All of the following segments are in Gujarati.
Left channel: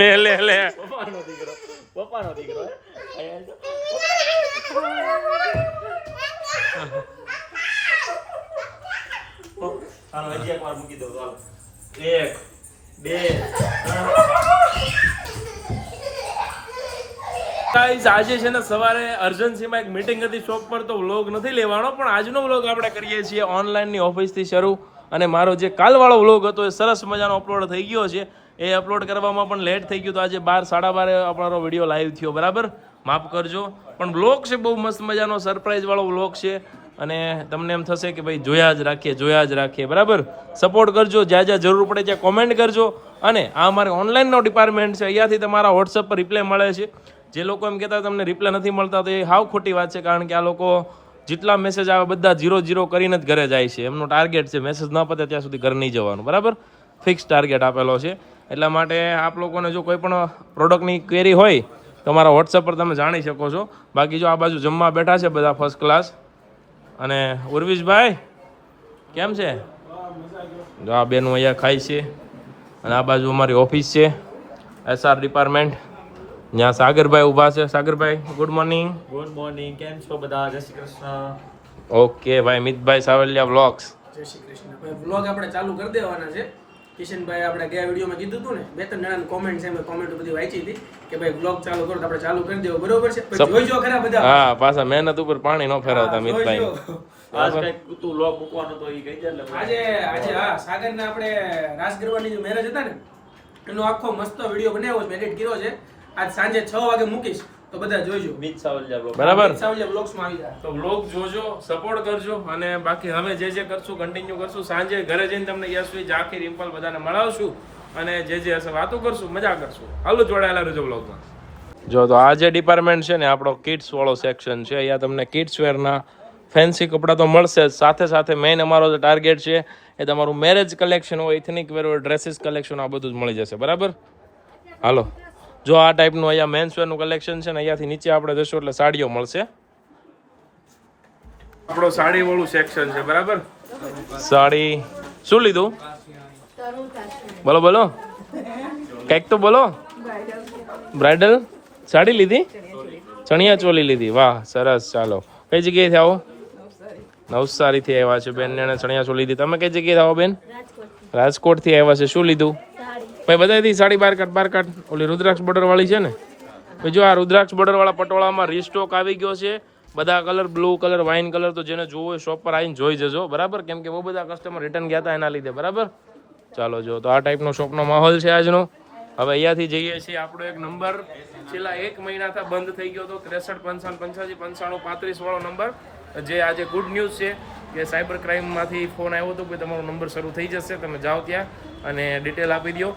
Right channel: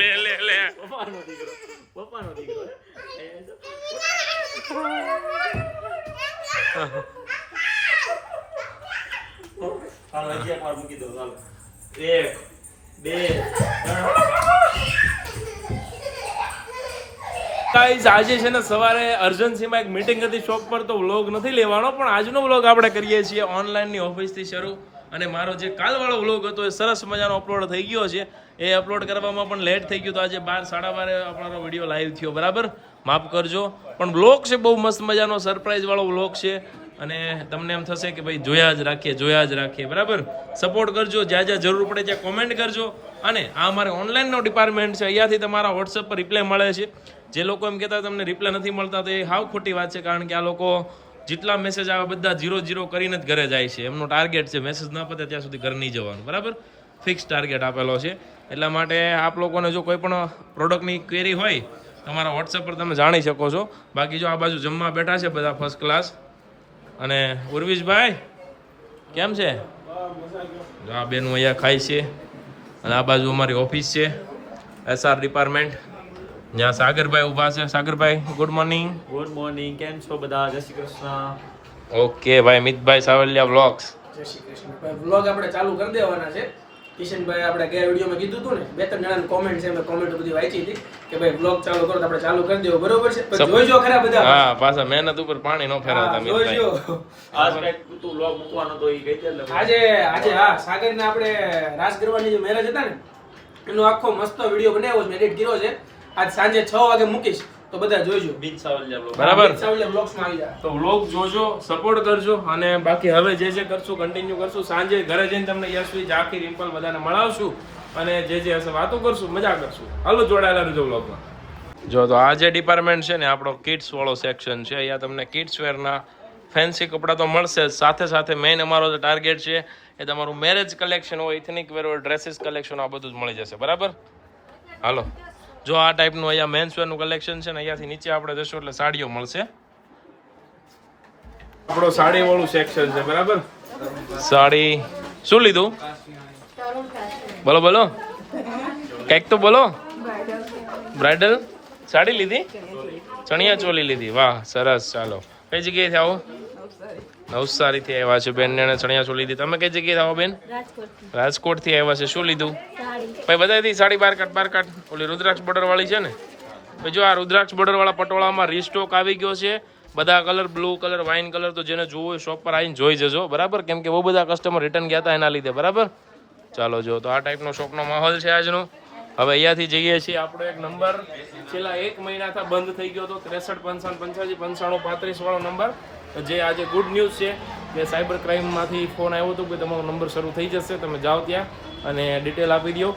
લે લે લે પપ્પાનો દીકરો હાલો હજી એક વાર મૂકી દો ચાલો 1 2 ગાઈઝ આજે છે ને સવારે અર્જન્સીમાં એક મીટિંગ હતી શોપ પર તો વ્લોગ નથી લેવાનો પણ આજનો વ્લોગ આપણે કરીએ છીએ ઓનલાઈનની ઓફિસથી શરૂ અને મારો જે કાલવાળો વ્લોગ હતો એ સરસ મજાનો અપલોડ થઈ ગયો છે એ અપલોડ કરવામાં પણ લેટ થઈ ગયું તો આજે 12 સાડા 12 અમારો વિડીયો લાઈવ થયો બરાબર માફ કરજો પણ વ્લોગ છે બહુ મસ્ત મજાનો સરપ્રાઈઝ વાળો વ્લોગ છે અને તમને એમ થશે કે ભાઈ જોયા જ રાખીએ બરાબર સપોર્ટ કરજો જ્યાં જરૂર પડે ત્યાં કોમેન્ટ કરજો અને આ અમારે ઓનલાઈનનો ડિપાર્ટમેન્ટ છે અહીંયાથી તમારા વોટ્સઅપ પર રિપ્લાય મળે છે જે લોકો એમ કહેતા તમને રિપ્લાય નથી મળતા તો એ હાવ ખોટી વાત છે કારણ કે આ લોકો જેટલા મેસેજ આવે બધા 0 કરીને જ ઘરે જાય છે એમનો ટાર્ગેટ છે મેસેજ ન પતે ત્યાં સુધી ઘર નહીં જવાનું બરાબર ફિક્સ ટાર્ગેટ આપેલો છે એટલા માટે આપ લોકોને જો કોઈ પણ પ્રોડક્ટની ક્વેરી હોય તો મારા વોટ્સઅપ પર તમે જાણી શકો છો બાકી જો આ બાજુ જમવા બેઠા છે બધા ફર્સ્ટ ક્લાસ અને ઉર્વિશભાઈ કેમ છે જો આ બેનું અહીંયા ખાય છે અને આ બાજુ અમારી ઓફિસ છે SR ડિપાર્ટમેન્ટ જ્યાં સાગરભાઈ ઊભા છે સાગરભાઈ ગુડ મોર્નિંગ કેમ છો બધા જય શ્રી કૃષ્ણ ઓકે ભાઈ મિતભાઈ સાવલિયા વ્લોગ્સ જય શ્રી કૃષ્ણ ભાઈ વ્લોગ આપણે ચાલુ કરી દેવાના છે કિશનભાઈ આપણે ગયા વિડીયોમાં કીધું હતું ને 2-3 જણાની કોમેન્ટ છે મેં કોમેન્ટ બધી વાંચી હતી કે ભાઈ વ્લોગ ચાલુ કરો તો આપણે ચાલુ કરી દેવો બરોબર છે પછી જોઈજો ખરા બધા હા પાછા મહેનત ઉપર પાણી ન ફેરવતા મિતભાઈ આજ તું વ્લોગ મૂકવાનો તો ઈ કહી દે એટલે આજે હા સાગરને આપણે રાસ ગરબાની જે મેરેજ હતા ને એનો આખો મસ્ત વિડીયો બનાવ્યો છે એડિટ કર્યો છે આજ સાંજે 6 વાગે મૂકીશ તો બધા જોજો બીજ સાવલિયા બ્લોગ બરાબર સાવલિયા બ્લોગ્સમાં આવી જાય તો વ્લોગ જોજો સપોર્ટ કરજો અને બાકી હવે જે કરશું કન્ટિન્યુ કરશું સાંજે ઘરે જઈને તમને યશવી ઝાંખી રિમ્પલ બધાને મળાવશું અને જે હશે વાતો કરશું મજા કરશું હાલો જોડાયેલા રહેજો વ્લોગમાં જો તો આ જે ડિપાર્ટમેન્ટ છે ને આપણો કિડ્સ વાળો સેક્શન છે અહીંયા તમને કિડ્સ વેરના ફેન્સી કપડાં તો મળશે જ સાથે સાથે મેઇન અમારો જે ટાર્ગેટ છે એ તમારું મેરેજ કલેક્શન હોય એથનિક વેર હોય ડ્રેસીસ કલેક્શન આ બધું જ મળી જશે બરાબર હાલો જો આ ટાઈપનું અહીંયા મેન્સ વેરનું કલેક્શન છે ને અહીંયાથી નીચે આપણે જશું એટલે સાડીઓ મળશે આપણો સાડી વાળું સેક્શન છે બરાબર સાડી શું લીધું બોલો કંઈક તો બોલો બ્રાઇડલ સાડી લીધી ચણિયા ચોલી લીધી વાહ સરસ ચાલો કઈ જગ્યાએથી આવો નવસારીથી આવ્યા છે બેન ને ચણિયા ચોલી લીધી તમે કઈ જગ્યાએ આવો બેન રાજકોટથી આવ્યા છે શું લીધું ભાઈ બધાથી સાડી બાર કાઢ ઓલી રુદ્રાક્ષ બોર્ડર વાળી છે ને જો આ રુદ્રાક્ષ બોર્ડર વાળા પટોળામાં રીસ્ટોક આવી ગયો છે બધા colour blue colour wine colour તો જેને જોવો શોપ પર આવીને જોઈ જજો બરાબર કેમ કે બહુ બધા કસ્ટમર રિટર્ન ગયા હતા એના લીધે બરાબર ચાલો જો તો આ ટાઈપનો શોપનો માહોલ છે આજનો હવે અહીંયાથી જઈએ છીએ આપણો એક નંબર છેલ્લા 1 મહિનાથી બંધ થઈ ગયો હતો 63 55 85 95 35 વાળો નંબર જે આજે ગુડ ન્યૂઝ છે કે સાયબર ક્રાઇમમાંથી ફોન આવ્યો હતો કે તમારો નંબર શરૂ થઈ જશે તમે જાઓ ત્યાં અને ડિટેલ આપી દો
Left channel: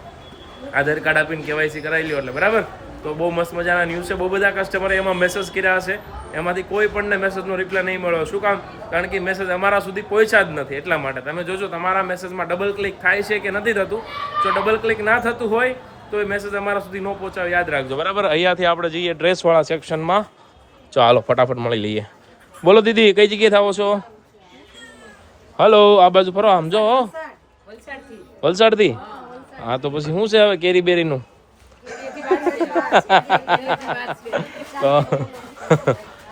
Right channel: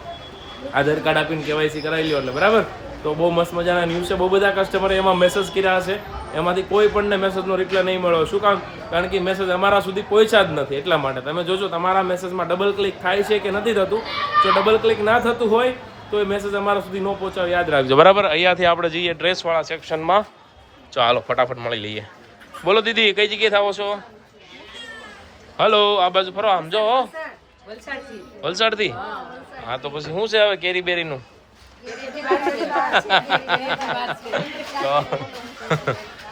આધાર કાર્ડ આપીને KYC કરાવી લ્યો એટલે બરાબર તો બહુ મસ્ત મજાના ન્યૂઝ છે બહુ બધા કસ્ટમરે એમાં મેસેજ કર્યા હશે એમાંથી કોઈ પણને મેસેજનો રિપ્લાય નહીં મળ્યો શું કામ કારણ કે મેસેજ અમારા સુધી પહોંચ્યા જ નથી એટલા માટે તમે જોજો તમારા મેસેજમાં ડબલ ક્લિક થાય છે કે નથી થતું જો ડબલ ક્લિક ના થતું હોય તો એ મેસેજ અમારા સુધી ન પહોંચાવે યાદ રાખજો બરાબર અહીંયાથી આપણે જઈએ ડ્રેસવાળા સેક્શનમાં ચાલો ફટાફટ મળી લઈએ બોલો દીદી કઈ જગ્યાએ આવો છો હલો આ બાજુ ફરો આમ જો વલસાડથી હા તો પછી શું છે હવે કેરી બેરીનું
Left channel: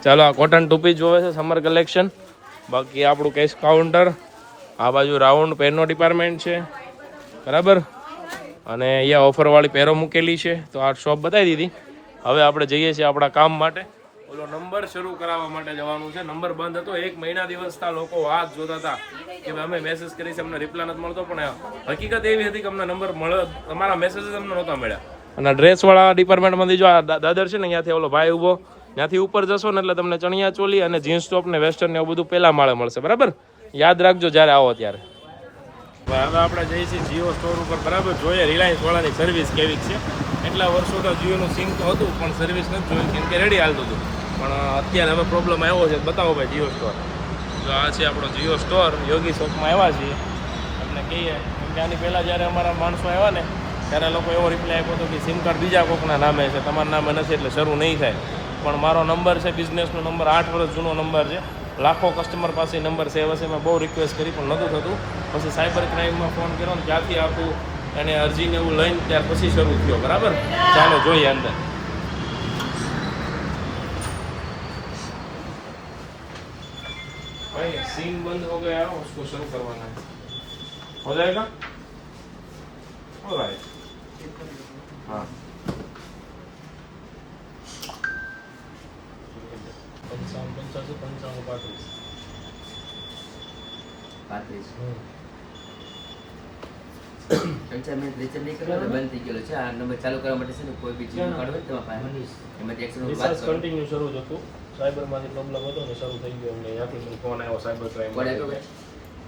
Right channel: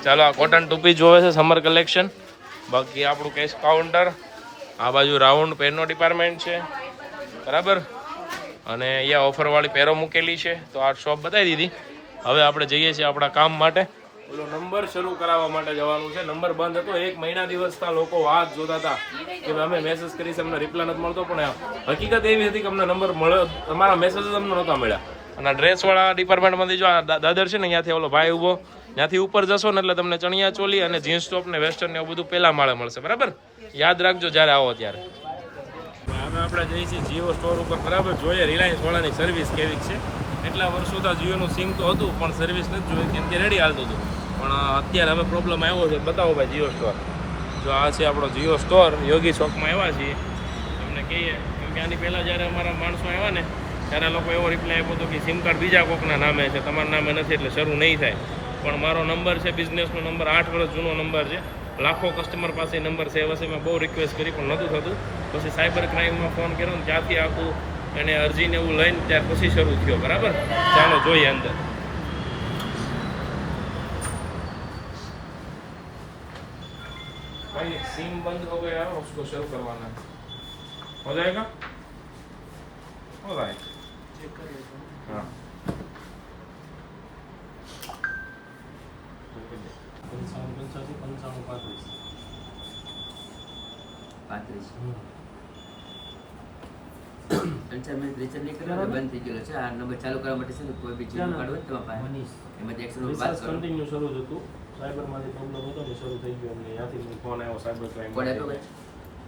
ચાલો આ કોટન ટોપી જોવે છે સમર કલેક્શન બાકી આપણું કેશ કાઉન્ટર આ બાજુ રાઉન્ડ પેનનો ડિપાર્ટમેન્ટ છે બરાબર અને અહીંયા ઓફરવાળી પેરો મૂકેલી છે તો આ શોપ બતાવી દીધી હવે આપણે જઈએ છીએ આપણા કામ માટે ઓલો નંબર શરૂ કરાવવા માટે જવાનું છે નંબર બંધ હતો 1 મહિના દિવસથી લોકો વાત જોતા હતા કે અમે મેસેજ કરી છે અમને રિપ્લાય નથી મળતો પણ હકીકત એવી હતી કે અમને નંબર મળ્યો અમારા મેસેજ અમને નહોતા મળ્યા અને ડ્રેસવાળા ડિપાર્ટમેન્ટમાંથી જો આ દાદર છે ને અહીંયાથી ઓલો ભાઈ ઊભો ત્યાંથી ઉપર જશો ને એટલે તમને ચણિયા ચોલી અને જીન્સ ટોપ ને વેસ્ટર્ન ને એવું બધું પહેલા માળે મળશે બરાબર યાદ રાખજો જ્યારે આવો ત્યારે હવે આપણે જઈએ છીએ જીઓ સ્ટોર ઉપર બરાબર જોઈએ રિલાયન્સ વાળાની સર્વિસ કેવી છે એટલા વર્ષો તો જીઓનું સિમ તો હતું પણ સર્વિસ નથી જોઈ કેમ કે રેડી હાલતું હતું પણ અત્યારે હવે પ્રોબ્લેમ આવ્યો છે બતાવો ભાઈ જીઓ સ્ટોર તો આ છે આપણો જીઓ સ્ટોર યોગી શોપમાં આવ્યા છીએ તમને કહીએ કેમ કે આની પહેલાં જ્યારે અમારા માણસો આવ્યા ને ત્યારે લોકો એવો રિપ્લાય આપ્યો હતો કે સિમ કાર્ડ બીજા કોકના નામે છે તમારા નામે નથી એટલે શરૂ નહીં થાય પણ મારો નંબર છે બિઝનેસનો નંબર 8 વર્ષ જૂનો નંબર છે લાખો કસ્ટમર પાસે નંબર સેવ હશે. મેં બહુ રિક્વેસ્ટ કરી પણ નહોતું થતું. પછી સાયબર ક્રાઇમમાં ફોન કર્યો ને ત્યાંથી આખું એને અરજીને એવું લઈને ત્યાર પછી શરૂ થયો. બરાબર, ચાલો જોઈએ અંદર. भाई सिम बंद हो गया है, उसको शुरू करवाना है. हो जाएगा? ऑलराइट. हाँ. 3-4 મિનિટ રિચાર્જ નહીં કર્યું એટલે બંધ થઈ ગયેલો છે. આ નંબર ચાલુ કરવા માટે છે ને કોઈ બી ચીજ કાઢવો હોય તો તમારે એમાંથી એક્શન વાત રિસર્ચ કરો. કન્ટિન્યુ શરૂ જ હતું. સાયબરમાંથી પ્રોબ્લેમ હતો ને શરૂ થઈ ગયો. અમને ત્યાંથી મને ફોન આવ્યો સાયબર ક્રાઇમ. કોડ આપ્યો કે?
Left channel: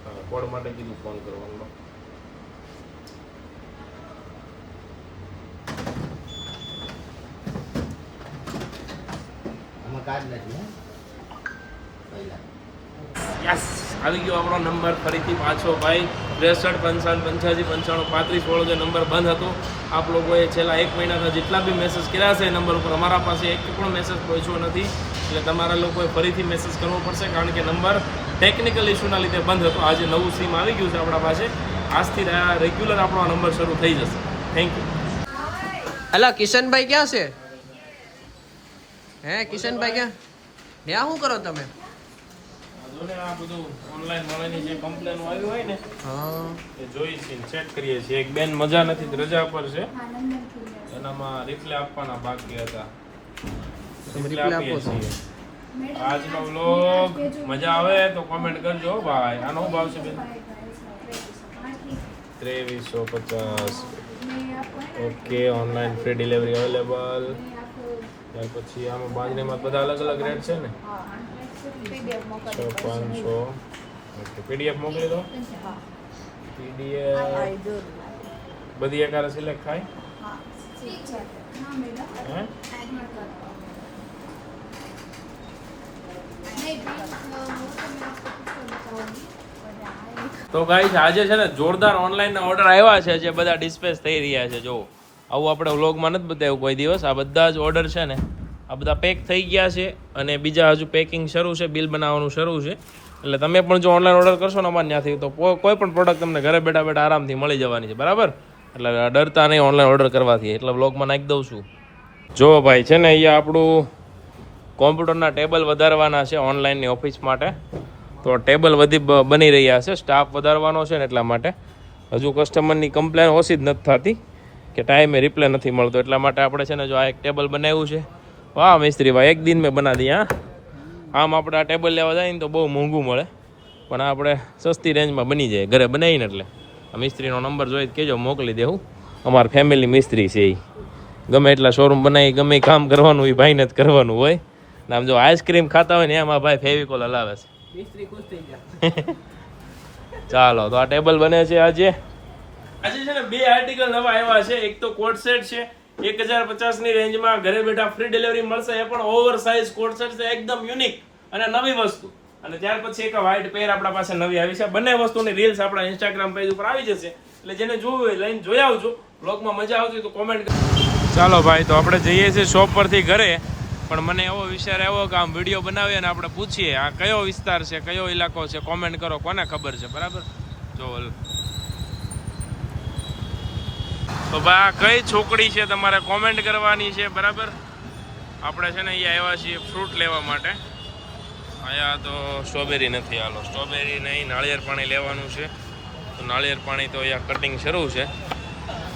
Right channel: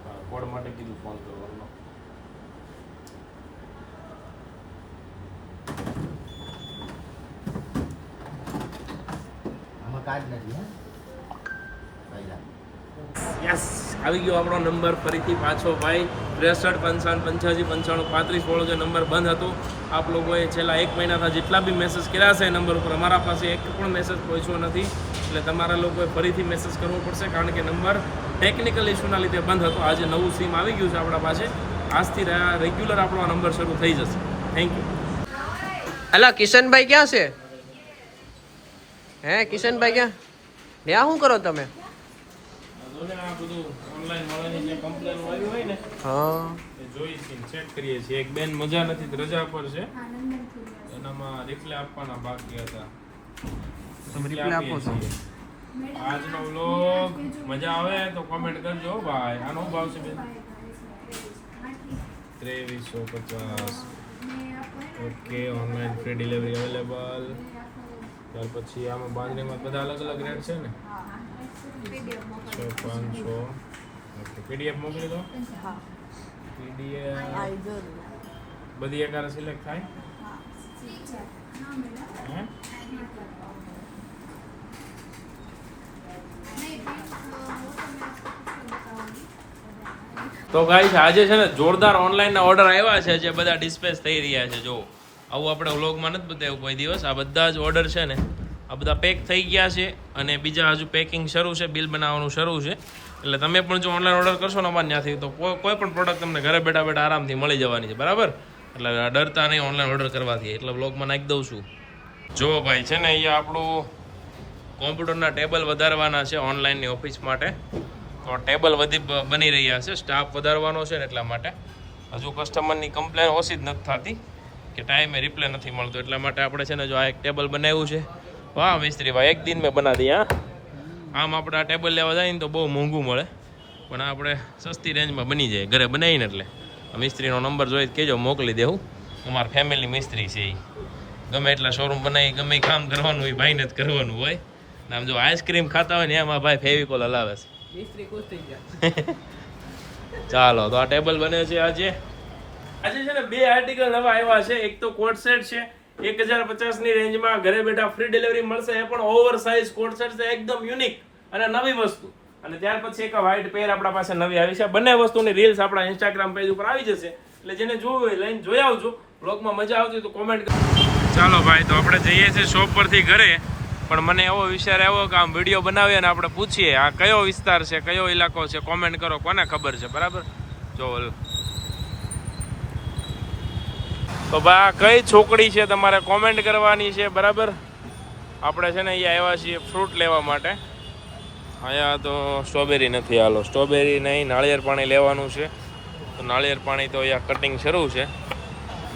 હા, કોડ માટે કીધું ફોન કરવાનો. યસ, આવી ગયો આપણો નંબર ફરીથી પાછો ભાઈ. 63 55 55 85 વાળો જે નંબર બંધ હતો, આપ લોકોએ છેલ્લા 1 મહિનાથી જેટલા બી મેસેજ કર્યા છે એ નંબર ઉપર અમારા પાસે એક પણ મેસેજ પહોંચ્યો નથી. એટલે તમારા લોકોએ ફરીથી મેસેજ કરવો પડશે, કારણ કે નંબર ટેકનિકલ ઇસ્યુના લીધે બંધ હતો. આજે નવું સિમ આવી ગયું છે આપણા પાસે. આજથી રેગ્યુલર આપણો આ નંબર શરૂ થઈ જશે. Thank you. અલા કિશનભાઈ ક્યાં છે? હે કિશનભાઈ ક્યાં? ત્યાં શું કરો તમે? આ બધું ઓનલાઈન મળીને જે કમ્પ્લેન આવી હોય ને હા એ જોઈ છે, ચેક કરીએ છીએ. એક બેન મજા નથી, રજા પર છે, એનામાં રિપ્લે આપવાના બાકી હતા. તમે રિપ્લે આપો છો? આજનો વ્લોગ મજા આવે તો કોમેન્ટ કરજો ભાઈ. આનો શું ભાવ છે બેન? 2350. Okay, online free delivery available. ત્યાર પછી આમાં બાંધણીમાં બધા અલગ અલગ રેટ છે ને. 500. ઓકે, પીડીએફ મોકલી દો. પીડીએફ બધી એકારે સિલેક્ટ થાય. હે? તો ગાઈસ આજે છે ને જોરદાર ઓનલાઈનના ઓર્ડર આવ્યા છે જે બધા ડિસ્પેચ થઈ રહ્યા છે. જો આવું આપણે વ્લોગમાં નથી બતાવ્યું કોઈ દિવસ. આ બધા જ ઓર્ડર છે ને આ બધા પેક થઈ ગયા છે અને બીજા હજુ પેકિંગ શરૂ છે, બિલ બનાવવાનું શરૂ છે. એટલે તમે પણ જો ઓનલાઈન ઓર્ડર કરશો ને અમારે ત્યાંથી તો કોઈ પણ પ્રોડક્ટ તમને ઘરે બેઠા બેઠા આરામથી મળી જવાની છે. બરાબર, એટલે ડરતા નહીં ઓનલાઈન ઓર્ડર કરવાથી. એટલે વ્લોગમાં નાખી દઉં છું. જો ભાઈ છે ને અહીંયા આપણું કોમ્પ્યુટરના ટેબલ વધારવાના છે ઓનલાઈનની ઓફિસ માટે. તો ટેબલ બની રહ્યા છે, સ્ટાફ વધારવાનો છે ને એટલા માટે. હજુ કસ્ટમરની કમ્પ્લેન ઓછી જ નથી થતી કે ટાઈમે રિપ્લે નથી મળતો. એટલા માટે આપણે છે ને જો આ એક ટેબલ બનાવ્યું છે. વાહ મિસ્ત્રી ભાઈ, એક દિન મેં બના દી. હા, આમ આપણે આ ટેબલ લેવા જાય ને તો બહુ મોંઘું મળે, પણ આપણે સસ્તી રેન્જમાં બની જાય ઘરે બનાવીને. એટલે આ મિસ્ત્રીનો નંબર જોઈ કહેજો, મોકલી દેવું. અમારા ફેમિલી મિસ્ત્રી છે. એ ગમે એટલા શોરૂમ બનાવી ગમે કામ કરવાનું એ ભાઈને જ કરવાનું હોય. આમ જો આઈસ્ક્રીમ ખાતા હોય ને એમાં ભાઈ ફેવિકોલ હલાવે છે. ચાલો, તો આ ટેબલ બને છે આજે છે ને 2 આર્ટિકલ નવા આવ્યા છે. એક તો કોટ સેટ છે 1050 ની રેન્જમાં, ઘરે બેઠા ફ્રી ડિલિવરી મળશે. એ પણ ઓવર સાઇઝ કોટ સેટ છે, એકદમ યુનિક અને નવી વસ્તુ. અને ત્યાર પછી એક વ્હાઈટ પેર આપણા પાસે નવી આવી છે. બંને વસ્તુની રીલ્સ આપણા ઇન્સ્ટાગ્રામ પેજ ઉપર આવી જશે. એટલે જેને જોવું હોય લઈને જોઈ આવજો. બ્લોગમાં મજા આવતી તો કોમેન્ટ કરો. ચાલો ભાઈ, તો આપણે જઈએ છીએ શોપ પરથી ઘરે. પણ મને એવો વિચાર આવ્યો કે આમ વિડીયો બનાવીએ અને આપણે પૂછીએ આ કયો વિસ્તાર છે, કયો ઇલાકો છે. કોમેન્ટ કરો, કોને ખબર છે. બરાબર, જો તો ભાઈ આ કઈ છોકરી છે તમારે કોમેન્ટ કરવાની છે. બરાબર, આપણે છે ને અહીંયા આવ્યા છીએ ફ્રૂટ લેવા માટે. અહીંયા તો સ્ટ્રોબેરી નથી. હાલો, સ્ટ્રોબેરી નહીં, નાળિયેર પાણી લેવાનું છે. તો નાળિયેર પાણી તો અહીંયા કટિંગ શરૂ છે.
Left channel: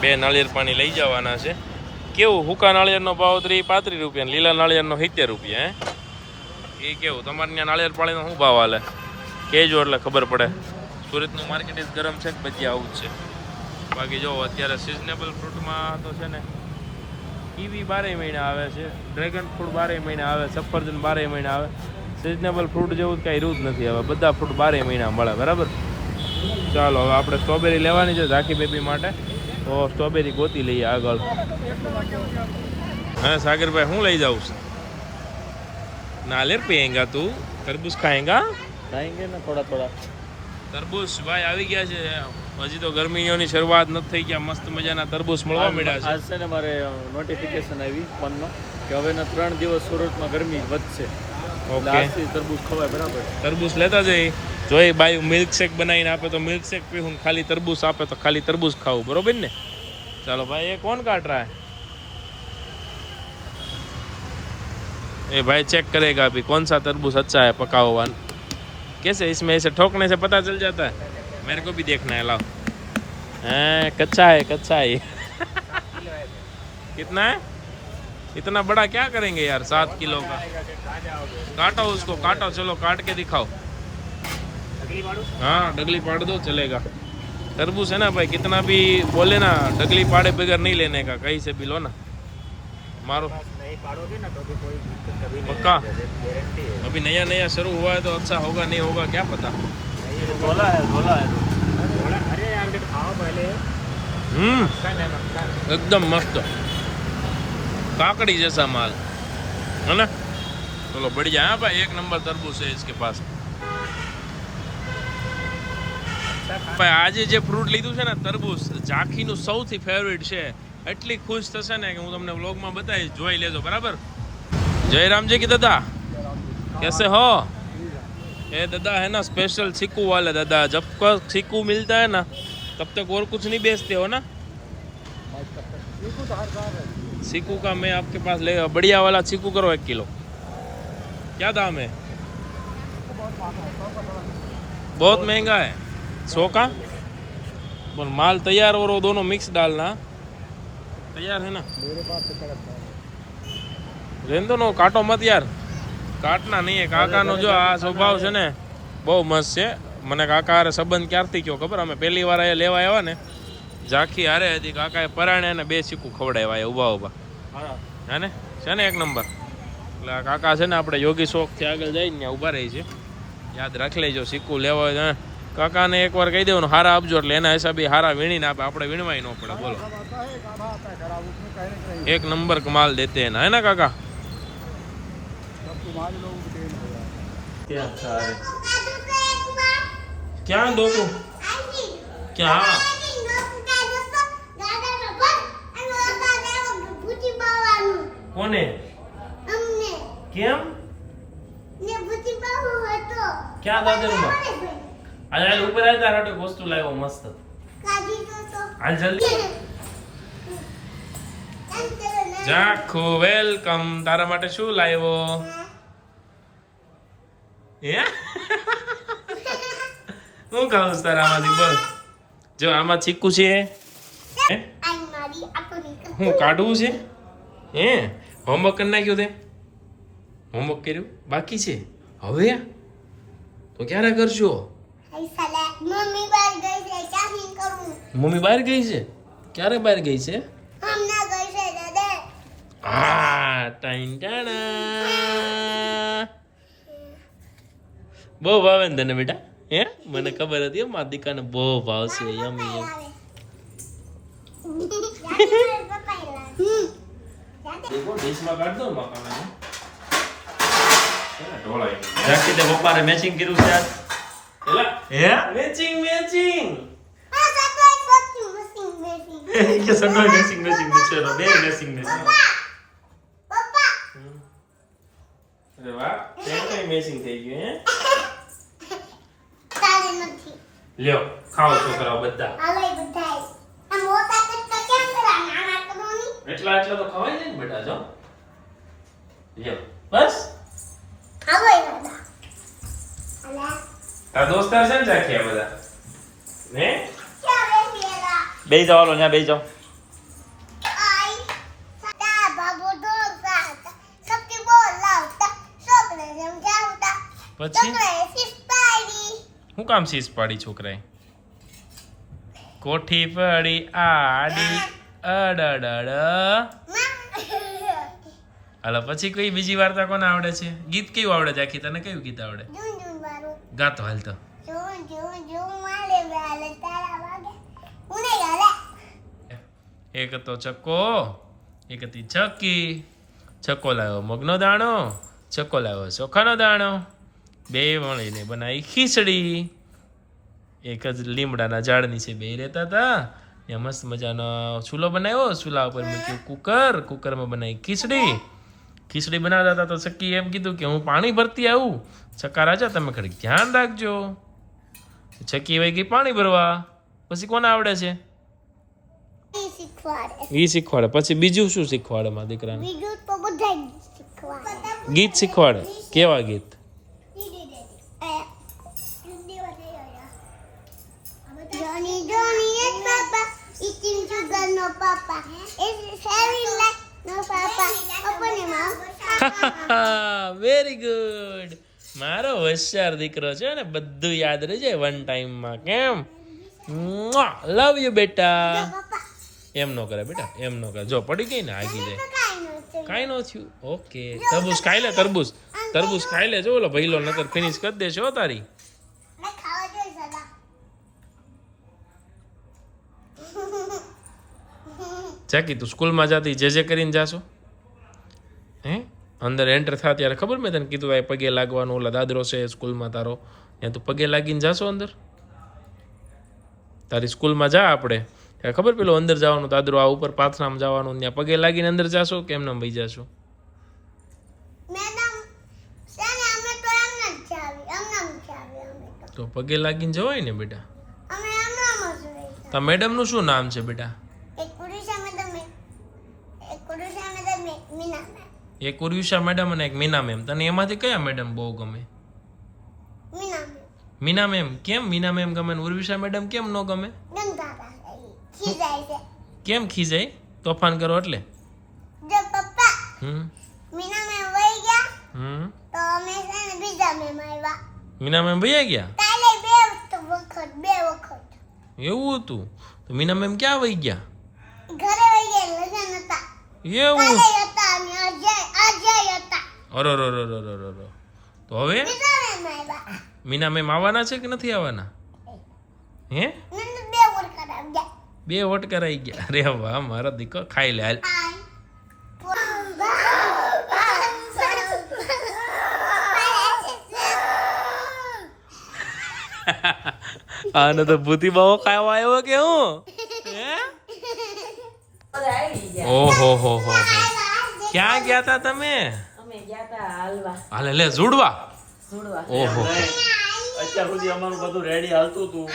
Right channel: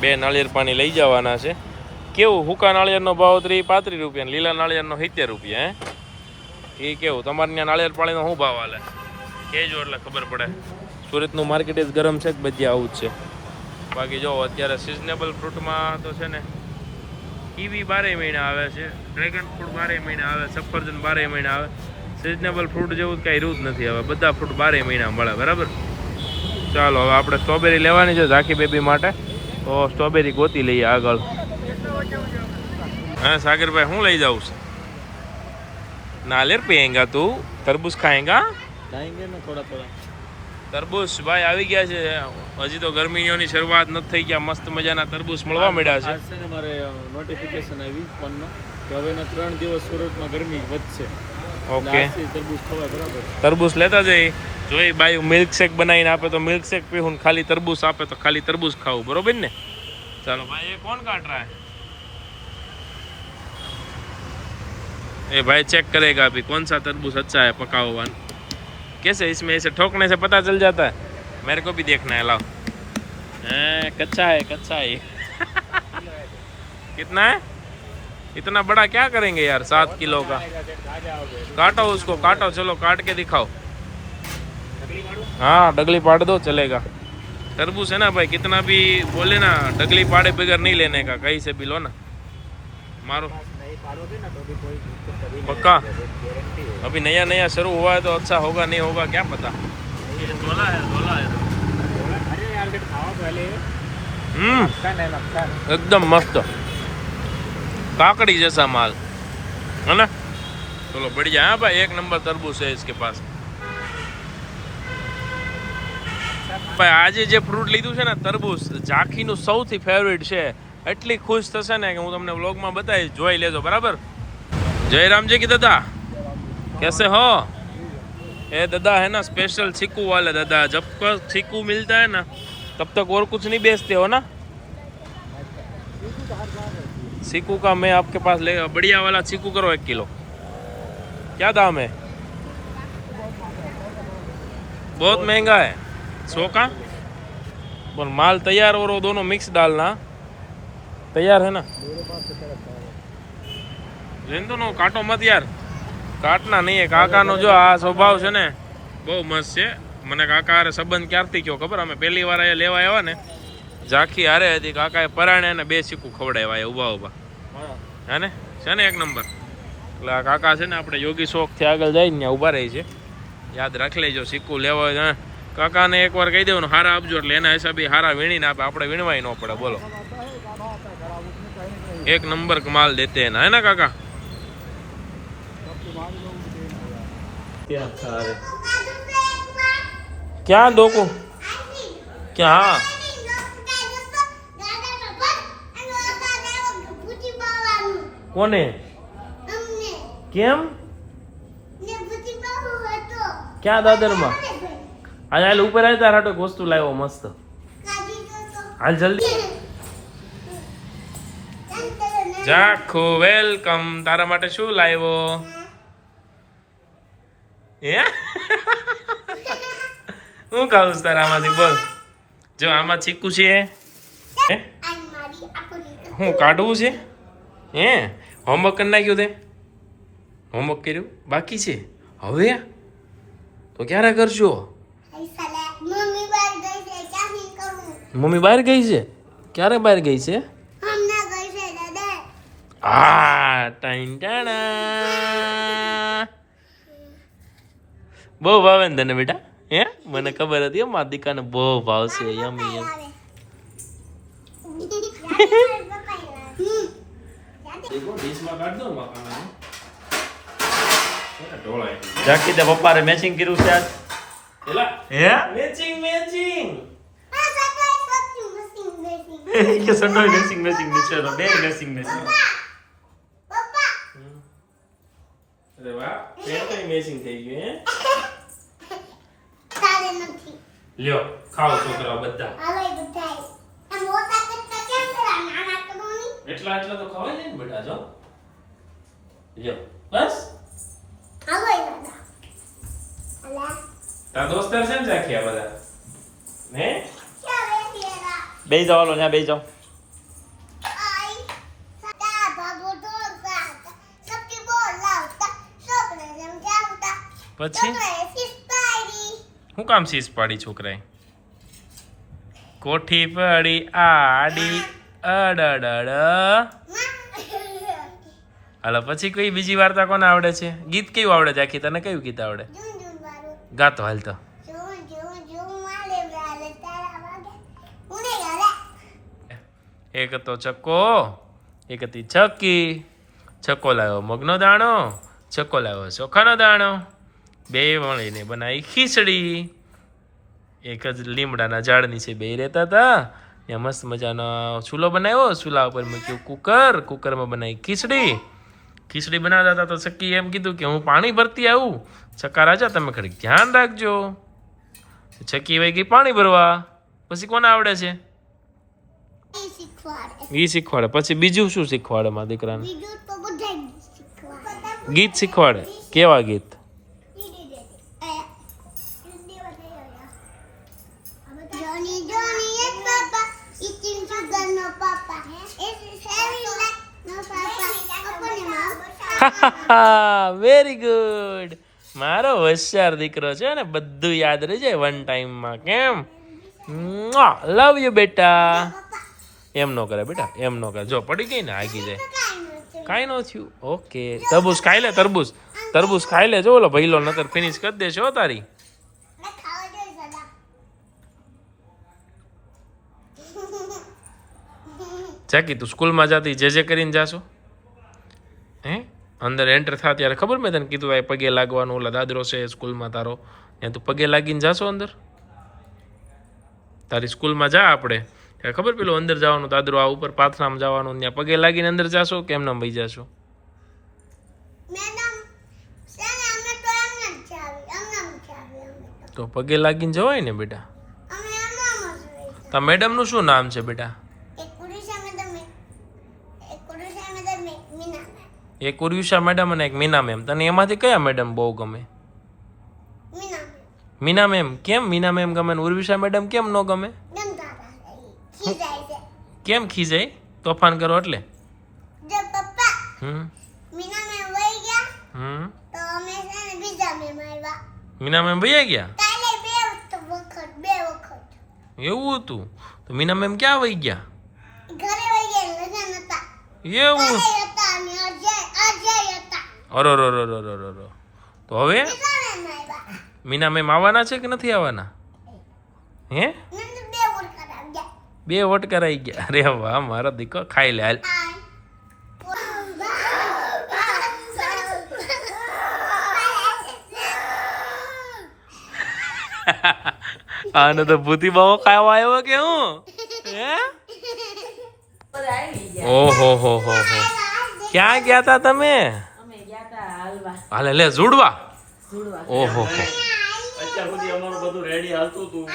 2 નાળિયેર પાણી લઈ જવાના છે. કેવું હુકા નાળિયેરનો ભાવ 35 રૂપિયા, લીલા નાળિયેરનો 70 રૂપિયા. હે, એ કેવું તમારે ત્યાં નાળિયેર પાણીનો શું ભાવ હાલે કહેજો એટલે ખબર પડે. સુરતનું માર્કેટ જ ગરમ છે, બધી આવું જ છે. બાકી જો અત્યારે સિઝનેબલ ફ્રૂટમાં તો છે ને કીવી 12 મહિના આવે છે, ડ્રેગન ફ્રૂટ 12 મહિના આવે, સફરજન 12 મહિના આવે. સિઝનેબલ ફ્રૂટ જેવું કંઈ રહ્યું જ નથી. હવે બધા ફ્રૂટ 12 મહિના મળે. બરાબર, ચાલો હવે આપણે સ્ટ્રોબેરી લેવાની છે ઝાંખી બેબી માટે. તો સ્ટ્રોબેરી ગોતી લઈએ આગળ. હા સાગરભાઈ, હું લઈ જાઉં છું? नालियर पिएगा तू? तरबूज खाएगा? ખાएंगे ना થોડા થોડા. તરબૂચ ભાઈ આવી ગયા છે. હજી તો ગરમીઓની શરૂઆત નથી થઈ ગયા. મસ્ત મજાના તરબૂચ મળવા મળ્યા છે. આજ છે ને મારે નોટિફિકેશન આવી ફોનનો કે હવેના 3 દિવસ સુરતમાં ગરમી વધશે. ઓકે તરબૂચ લેતા જઈ જોઈ બાઈ મિલ્ક શેક બનાવીને આપે તો મિલ્ક શેક પીવું ને ખાલી તરબૂચ આપે તો ખાલી તરબૂચ ખાવું બરોબર ને चलो भाई ये कौन काट रहा है ए भाई चेक करेगा अभी कौन सा तरबूज अच्छा है पका हुआ कैसे इसमें ऐसे ठोकने से पता चल जाता है मेरे को भी देखना है लाओ कच्चा है ये कितना है इतना बड़ा क्या करेंगे यार 7 किलो का काटो उसको काटो चलो काट के दिखाओ हाँ डगली पाड़ दो चलेगा तरबूज है ना भाई कितना भी बोले ना डगली पाड़े बगैर नहीं लेने का कहीं से भी लो ना मारो पक्का अभी नया शुरू हुआ है तो अच्छा होगा नहीं होगा क्या पता एकदम मस्त काकड़ी जैसा माल है ना चलो बढ़िया है भाई 1 नंबर तरबूज है इसके पास ભાઈ આજે જે ફ્રૂટ લીધું છે ને તરબૂચ ઝાંખીનું સૌથી ફેવરિટ છે એટલી ખુશ થશે ને કે હું તમને વ્લોગમાં બતાવીશ જોઈ લેજો બરાબર जय राम जी की दादा कैसे हो ये दादा है ना स्पेशल चीकू वाले दादा जब तक चीकू मिलता है ना तब तक और कुछ नहीं बेचते हो ना चीकू का मैं आपके पास ले बढ़िया वाला चीकू करो 1 किलो क्या दाम है बहुत महंगा है 100 का पर माल तैयार और वो दोनों मिक्स डालना तैयार है ना लेन दो नो काटो मत यार काटना नहीं है काका नो जो आ स्वभाव है ने बहुत मस्त है મને કાકા હારે સંબંધ ક્યારથી કયો ખબર અમે પહેલી વાર અહીંયા લેવા આવ્યા ને ઝાંખી હારે હતી કાકાએ પરાણે ને 2 સિક્કુ ખવડાવ્યા ઊભા ઊભા હે ને છે ને 1 નંબર એટલે આ કાકા છે ને આપણે યોગી શોખથી આગળ જઈને ઊભા રહી છે યાદ રાખી લેજો સિક્કુ લેવા હોય કાકાને એકવાર કહી દેવાનું હારા આપજો એટલે એના હિસાબે હારા વીણીને આપે આપણે વીણવાય ન પડે બોલો 1 नंबर कमाल देते हैं ना है ना काका क्या दो को क्या कोने केम क्या दादर में आज ऊपर आया तारा तो वस्तु लायो मस्त हाल जल्दी જાખો વેલકમ તારા માટે શું લાવ્યો હે હું ખાઉં તારામાંથી બોલ જો આમાં ચીકુ છે હે હું કાઢવું છે હે હોમવર્ક કરી નાખ્યું તે હોમવર્ક કર્યું બાકી છે હવે તો ક્યારે કરશો મમ્મી બહાર ગઈ છે ક્યારે બહાર ગઈ છે બહુ ભાવે ને તને બેટા હે મને ખબર હતી મારા દીકાને બહુ ભાવશે યમી યમ જાકી તે પપ્પારે મેચિંગ કર્યું છે આજ હે મેચિંગ કે સડોય મેચિંગ ચલો બે મેચિંગ અરે વાહ તે મેચિંગ થઈ ગયું હે લ્યો ખાઓ છોકરાઓ બધા એટલા તો ખવાય ને બેટા જો લ્યો બસ આ દોસ્તાર છે ને ચાખ્યા બધા હે બેહી જાઓ લો ત્યાં બેહી જાઓ પછી હું કામ સીસ પાડી છોકરાએ કોઠી પડી આડી અડડડ હાલો પછી કોઈ બીજી વાર્તા કોને આવડે છે ગીત કયું આવડે છે આખી તને કયું ગીત આવડે ગાતો હાલ તો એક હતો ચક્કો એક હતી છક્કી છક્કો લાવ્યો મગનો દાણો છક્કો લાવ્યો ચોખાનો દાણો બે મળીને બનાવી ખીચડી એક જ લીમડાના ઝાડ નીચે બે રહેતા હતા ત્યાં મસ્ત મજાનો ચૂલો બનાવ્યો ચૂલા ઉપર મૂક્યું કુકરમાં બનાવી ખીચડી ખીચડી બનાવતા હતા તો સક્કી એમ કીધું કે હું પાણી ભરતી આવું. ચક્કા રાજા તમે ખડી ધ્યાન રાખજો. ચક્કી વહી ગઈ પાણી ભરવા. પછી કોને આવડે છે? ઈ શીખવાડે. પછી બીજું શું શીખવાડે મારા દીકરાને? ગીત શીખવાડે. કેવા ગીત? Johnny, Johnny, yes, Papa. Eating sugar, no, Papa. It's heavy like no, Papa. Open your mouth. Very good. મારો હોશિયાર દીકરો છે ને, બધું યાદ રહી જાય વન ટાઈમમાં. કેમ? લવ યુ બેટા. એમ નો કરે બેટા, એમ નો કરે. જો પડી ગઈ ને આગી જાય. કાંઈ ન થયું. ઓકે. તરબૂચ ખાઈ લે. તરબૂચ ખાઈ લે. જો ઓલો ભઈલો નતર ફિનિશ કરી દેશો તારી. ચાકી તું સ્કૂલમાં જાતી જે કરીને જાશો? હે અંદર એન્ટર થા ત્યારે ખબર મેં તને કીધું આ પગે લાગવાનું. ઓલા દાદરો છે સ્કૂલમાં તારો, ત્યાં તું પગે લાગીને જાશો અંદર? તારી સ્કૂલમાં જા આપણે ત્યારે ખબર પેલો અંદર જવાનું દાદરો આ ઉપર પાથરામાં જવાનું, ત્યાં પગે લાગીને અંદર જાશો કે એમને ભાઈ જાશો? તો પગે લાગીને જવાય ને બેટા. તા મેડમનું શું નામ છે બેટા? એક ઉર્વિશા મેડમ અને એક મીના મેમ. તને એમાંથી કયા મેડમ બહુ ગમે? મીના મેમ. કેમ મીના મેમ ગમે ને ઉર્વિશા મેડમ કેમ ન ગમે? કેમ ખીજાય? તોફાન કરો એટલે? મીના મેમ ભૈયા ગયા? એવું હતું? તો મીના મેમ ક્યાં વહી ગયા? એવું? અરો તો હવે મીના મેમ આવવાના છે કે નથી આવવાના? હે 2 વોટ કરાઈ ગયા. અરે વાહ મારા દીકરો. ખાઈ લે હાલ. આને તો ભૂતી બાવો ખાવા આવ્યો કે હું? હે ઓહો હો. ક્યાં ગયા તા તમે? હાલે લે ઝુડવા. ઓહો અત્યાર સુધી અમારું બધું રેડી હાલતું હતું,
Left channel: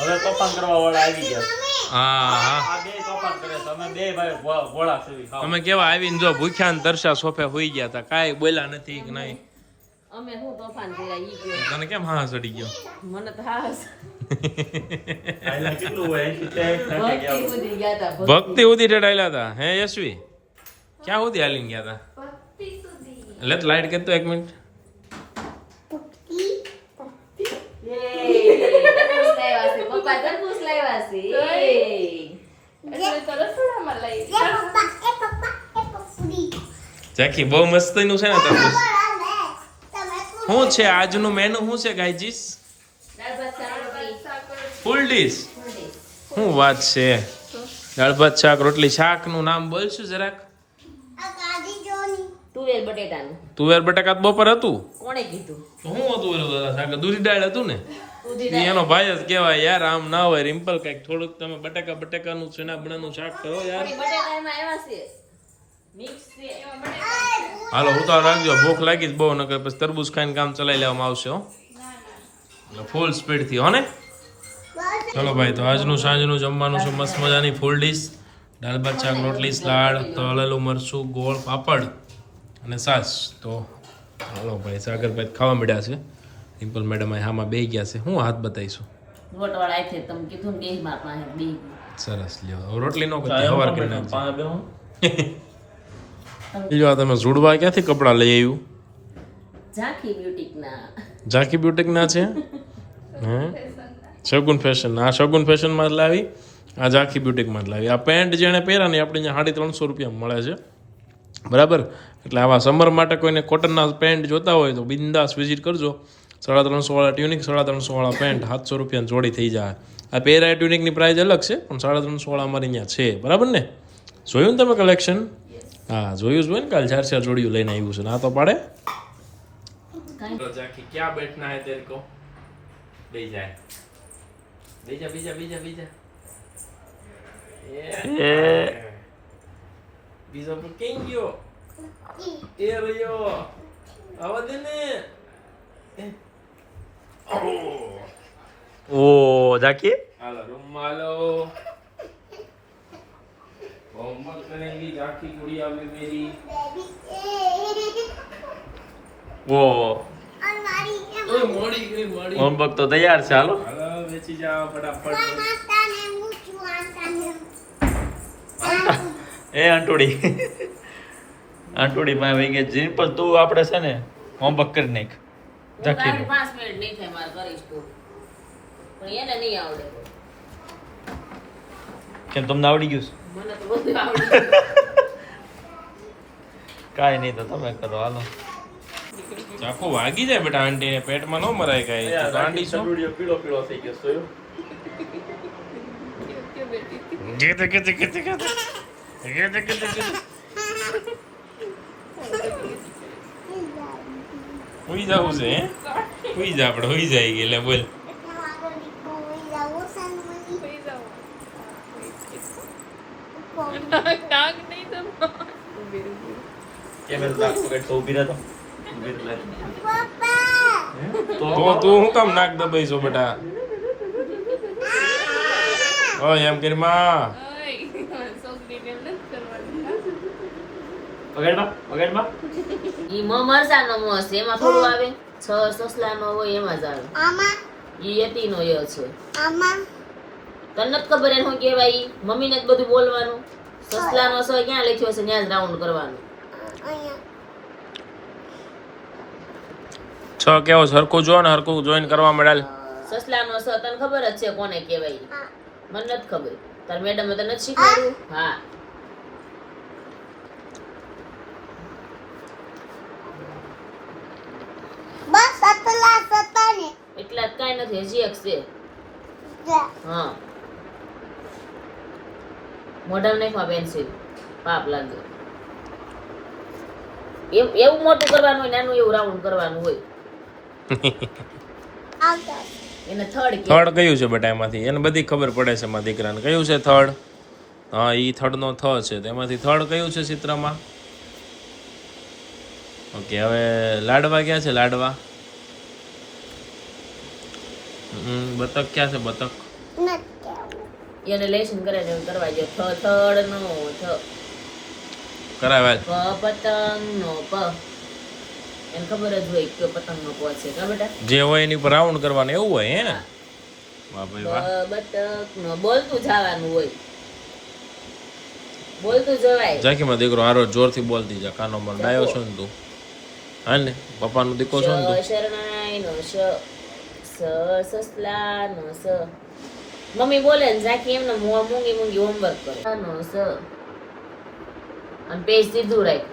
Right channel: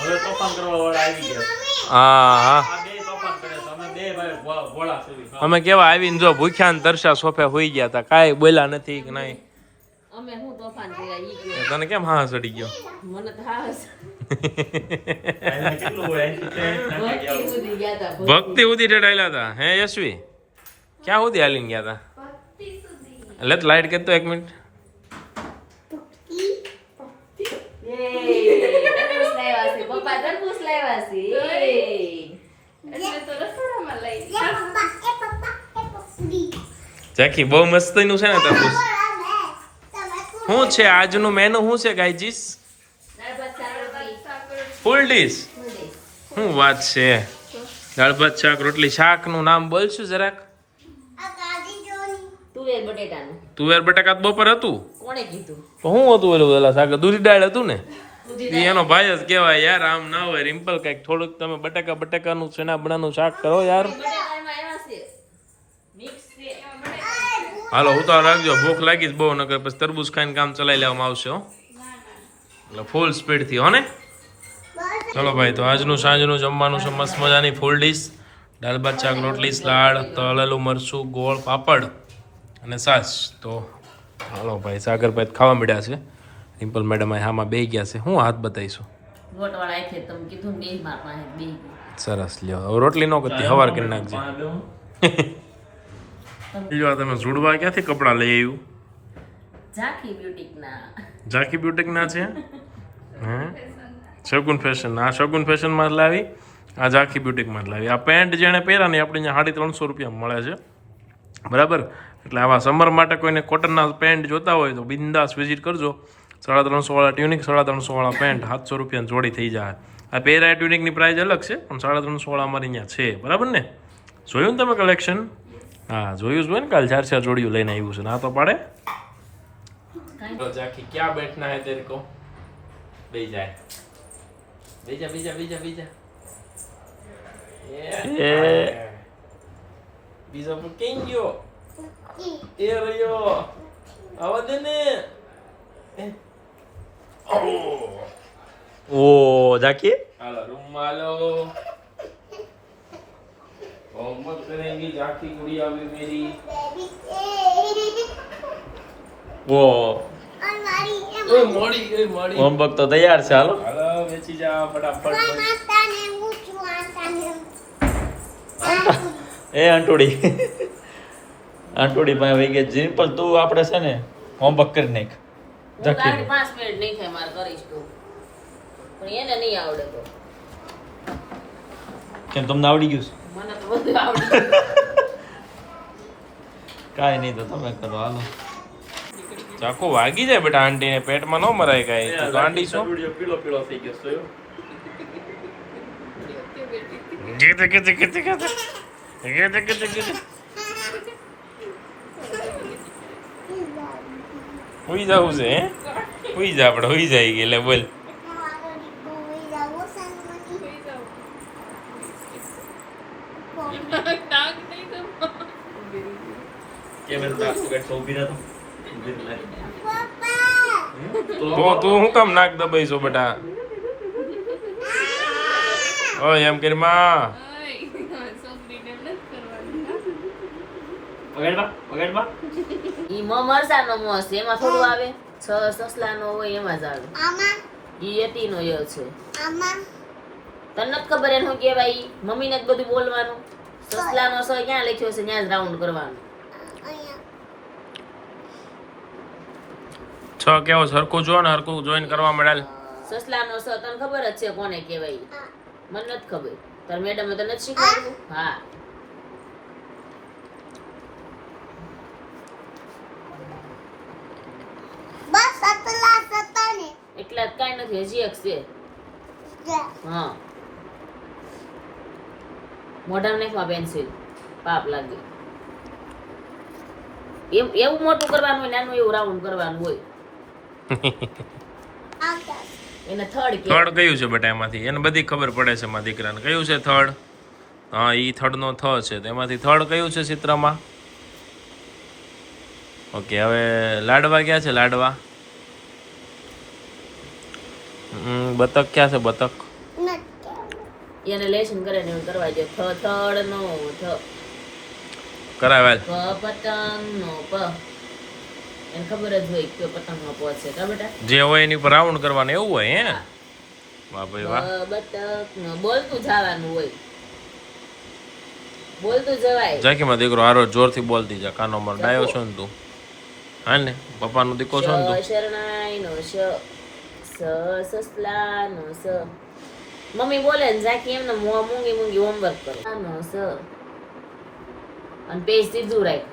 હવે તોફાન કરવા વાળા આવી ગયા. હા આ બે તોફાન કરે છે. અમે બે ભાઈ ભોળા સેવી. અમે કેવા આવીને જો ભૂખ્યા ને તરસ્યા સોફે હોઈ ગયા તા, કાંઈ બોલ્યા નથી કે નહીં. અમે હું તોફાન કર્યા ઈ કયો. તને કેમ હા ચડી ગયો? મને તો હાસ એને કેટલું હોય? 80 ભક્તિ સુધી ગયા તા. ભક્તિ સુધી ટેડાયેલા હતા. હે યશવી ક્યાં સુધી હાલીને ગયા તા? એટલે લાઈટ કરતો 1 મિનિટ. તરબૂચ લાવ્યા છે પપ્પા, તરબૂચ લાવ્યા છે. એટલે તો રસોડામાં લઈ જાકી બહુ મસ્તીનું છે ને તરબૂચ. શું છે આજનું મેનુ? શું છે ગાઈજીસ? દાળ ભાત શાક રોટલી. ફૂલ ડીશ. શું વાત છે? દાળ ભાત શાક રોટલી. શાકનું નામ બોલશું જરાક? તુવેર બટેટાનું. તુવેર બટાકા તો બપોર હતું. કોણે કીધું? તો શું હતું ઓલું ઓલા શાક? દૂધી દાળ હતું ને? ઈ એનો ભાઈ જ કહેવાય યાર. આમ ના હોય રિમ્પલ. કઈક થોડુંક તમે બટાકાનું સેના બનાનું શાક કરો યાર. બટેટામાં આવ્યા છે મિક્સ છે એમાં બટેટા. હાલો ઉતાર રાખજો. ભૂખ લાગી જ બહુ, નકર પછી તરબૂચ ખાઈને કામ ચલાવી લેવામાં આવશે હો. એટલે ફૂલ સ્પીડ થી હો ને. ચલો ભાઈ, તો આજનું સાંજનું જમવાનું છે મસ્ત મજાની ફૂલ ડીશ. દાળ ભાત શાક રોટલી સલાડ તળેલું મરચું ગોળ પાપડ અને છાશ. તો હાલો ભાઈ, સાગરભાઈ ખાવા મળ્યા છે. રિમ્પલ મેડમ હામાં બેહી ગયા છે. હું હાથ બતાવીશું. ગોટવાળા આઈ છે તમે કીધું ને બે માર પાસે બે. સરસ લ્યો. હવે રોટલી ન કરતી, હવાર કરી નાખજો. જો આ તમે ઝુડવા ક્યાંથી કપડાં લઈ આવ્યું? ઝાંખી બ્યુટીકના. ઝાંખી બ્યુટીકના છે? હે શગુન ફેશન. આ શગુન ફેશનમાં જ લાવી, આ ઝાંખી બ્યુટીકમાં જ લાવી. આ પેન્ટ જેણે પહેર્યા ને આપણે અહીંયા 350 રૂપિયામાં મળે છે, બરાબર? એટલે આવા સમર માટે કોઈને કોટનના પેન્ટ જોતા હોય તો બિંદાસ વિઝિટ કરજો. 350 વાળા ટ્યુનિક, 350 વાળા પેન્ટ 700 રૂપિયાની જોડી થઈ જાય. આ પહેરાય ટ્યુનિકની પ્રાઇસ અલગ છે, પણ 350 વાળા અમારી અહીંયા છે, બરાબર ને? જોયું ને તમે કલેક્શન? હા જોયું જ હોય ને. કાલ 4 જોડીઓ લઈને આવ્યું છે. ના તો પાડે. જાકી ક્યાં બેઠના હે તેરે કો? બેહી જાય. બીજા બીજો પણ કેમ ગયો? એ ભઈયો આવા દે ને ઓ જાકી હાલો રૂમાલો होमवर्क करेंगी जाकी गुड़िया भी मेरी ઓ अलमारी હોમવર્ક તો તૈયાર છે હાલો हेलो बेची जाओ फटाफट माताने ऊंचू आताने એ આંટોડી આંટોડી પાસે વહી ગઈ જીન પણ તું આપણે છે ને હોમવર્ક કરી નાખ હું તારી 5 મિનિટ નહીં થાય મારે કરીશ તું પણ એને નહીં આવડે તો કેમ તમને આવડી ગયું છે? મને તો બધું આવડે કાંઈ નહીં તો તમે કરો હાલો ચાકુ વાગી જાય બેટા આંટી ને પેટમાં ન મરાય કાંઈ તું ગાંડી શું પીળો પીળો થઈ ગયો છે ગીતે ગીતે ગીતે ગીતે ગીતે ગીતે ગીતે હુઈ જાવું છે હે હુઈ જા આપણે હુઈ જાય એટલે બોલ मारो दिको जाओ सनमनी કેમ નાક પકડ તો ઊભી રહેતો पापा તો તું હું કામ નાક દબાઈ છો બેટા ઓય એમ કરી માં પકડમાં ઈ મરસાનો મોસ છે એમાં થોડું આવે 6 સસલાનો હોય એમાં જ આવે आमा ઈ યતીનો યો છે आमा તને નથી ખબર એને શું કહેવાય ઈ મમ્મીને જ બધું બોલવાનું સસલાનો સ ક્યાં લખ્યો છે ત્યાં જ રાઉન્ડ કરવાનું છ કેવો સરખું જો ને હરખું જોઈન કરવા મળ્યા સસલાનો સ તને ખબર જ છે કોને કહેવાય ઈ? મને નથી ખબર તાર મેડમે તને નથી શીખવાડ્યું હા बस अतला सतने એટલા જ કાંઈ નથી હજી એક છે जा હા મોઢામાં નાખવા પેન્સિલ પાપ લાગે એવું મોટું કરવાનું હોય નાનું એવું રાઉન્ડ કરવાનું હોય आवता એને થર્ડ કે થર્ડ કયું છે બેટા એમાંથી એને બધી ખબર પડે છે મારા દીકરાને કયું છે થર્ડ હા ઈ થર્ડ નો થ છે તેમાંથી થર્ડ કયું છે ચિત્રમાં ઓકે હવે લાડવા ક્યાં છે લાડવા બતક ક્યાં છે બતક नट એને લેશન કરે ને એવું કરવા જો થર્ડ નો થ કરાવે પ પતંગ નો પ એને ખબર જ હોય કે પતંગ નો પ છે કા બેટા જે હોય એની પર રાઉન્ડ કરવાનું એવું હોય હે વાહ ભાઈ વાહ બતક નો બોલતું જવાનું હોય બોલતું જવાય જાકી માં દીકરો હારો જોરથી બોલતી જા કાનો માર ડાયો છો ને તું હા ને પપ્પાનો દીકો છો ને તું શરણાઈ નો શ સસલા નો સ મમ્મી બોલે ને જાકી એમને મૂંગી મૂંગી હોમવર્ક કરે નો સ અને પેજ સીધું રાખ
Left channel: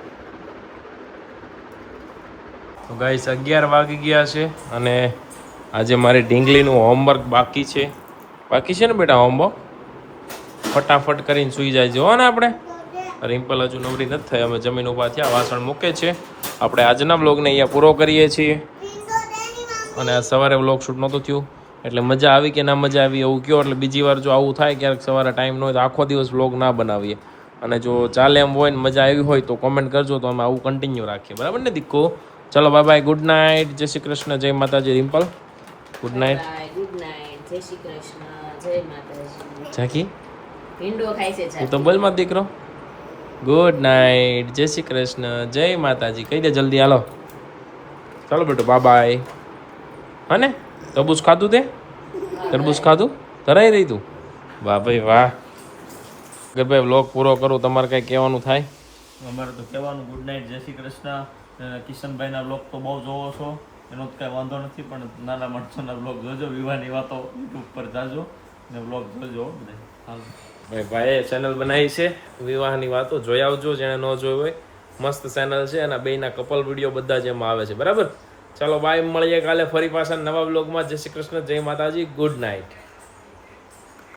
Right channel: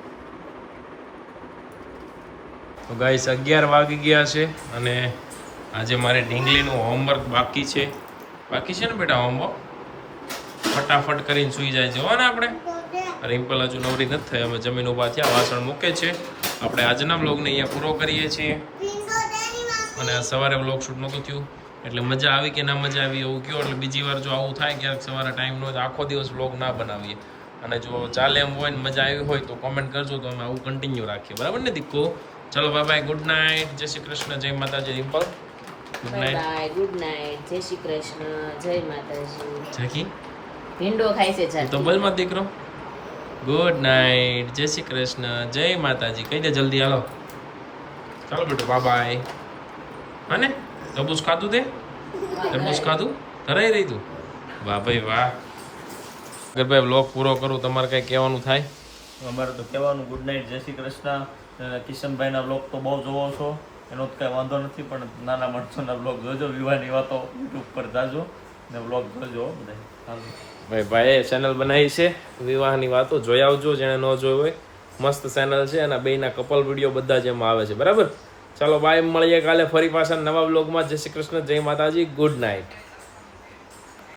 તો ગાઈસ 11 વાગી ગયા છે અને આજે મારી ઢીંગલીનું હોમવર્ક બાકી છે ને બેટા હોમવર્ક ફટાફટ કરીને સૂઈ જાય છે હો ને આપણે રિમ્પલ હજુ નવરી નથી થઈ હવે જમીન ઉભા થયા વાસણ મૂકે છે આપણે આજના બ્લોગને અહીંયા પૂરો કરીએ છીએ અને આ સવારે બ્લોગ શૂટ નહોતું થયું એટલે મજા આવી કે ના મજા આવી એવું કહો એટલે બીજી વાર જો આવું થાય ક્યારેક સવારે ટાઈમ ન હોય આખો દિવસ બ્લોગ ના બનાવીએ અને જો ચાલે એમ હોય ને મજા આવી હોય તો કોમેન્ટ કરજો તો અમે આવું કન્ટિન્યુ રાખીએ બરાબર ને દીકો ચલો બાય બાય ગુડ નાઇટ જય શ્રી કૃષ્ણ જય માતાજી Rimple good night good night જય શ્રી કૃષ્ણ જય માતાજી જાકી ભીંડો ખાય છે તું તો જાકી બોલ માં દીકરો ગુડ નાઇટ જય શ્રી કૃષ્ણ જય માતાજી કહી દે જલ્દી હાલો ચાલો બેટો બાય બાય હા ને તરબૂચ ખાધું તે તરબૂચ ખાધું ધરાઈ રહી તું વાહ ભાઈ વાહ અગર ભાઈ વ્લોગ પૂરો કરું તમારે કંઈ કહેવાનું થાય અમારે તો કહેવાનું ગુડ નાઇટ જય શ્રી કૃષ્ણ કિશનભાઈના બ્લોગ તો બહુ જોવો છો એનો તો કાંઈ વાંધો નથી પણ નાના માણસોના બ્લોગ જોજો વિવાહની વાતો યુટ્યુબ પર જાજો ને બ્લોગ જોજો બધા હાલો ભાઈ ભાઈએ ચેનલ બનાવી છે વિવાહની વાતો જોઈ આવજો જેણે ન જોઈ હોય મસ્ત ચેનલ છે અને બેયના કપલ વિડીયો બધા જ એમાં આવે છે બરાબર ચાલો બાય મળીએ કાલે ફરી પાછા નવા બ્લોગમાં જય શ્રી કૃષ્ણ જય માતાજી ગુડ નાઇટ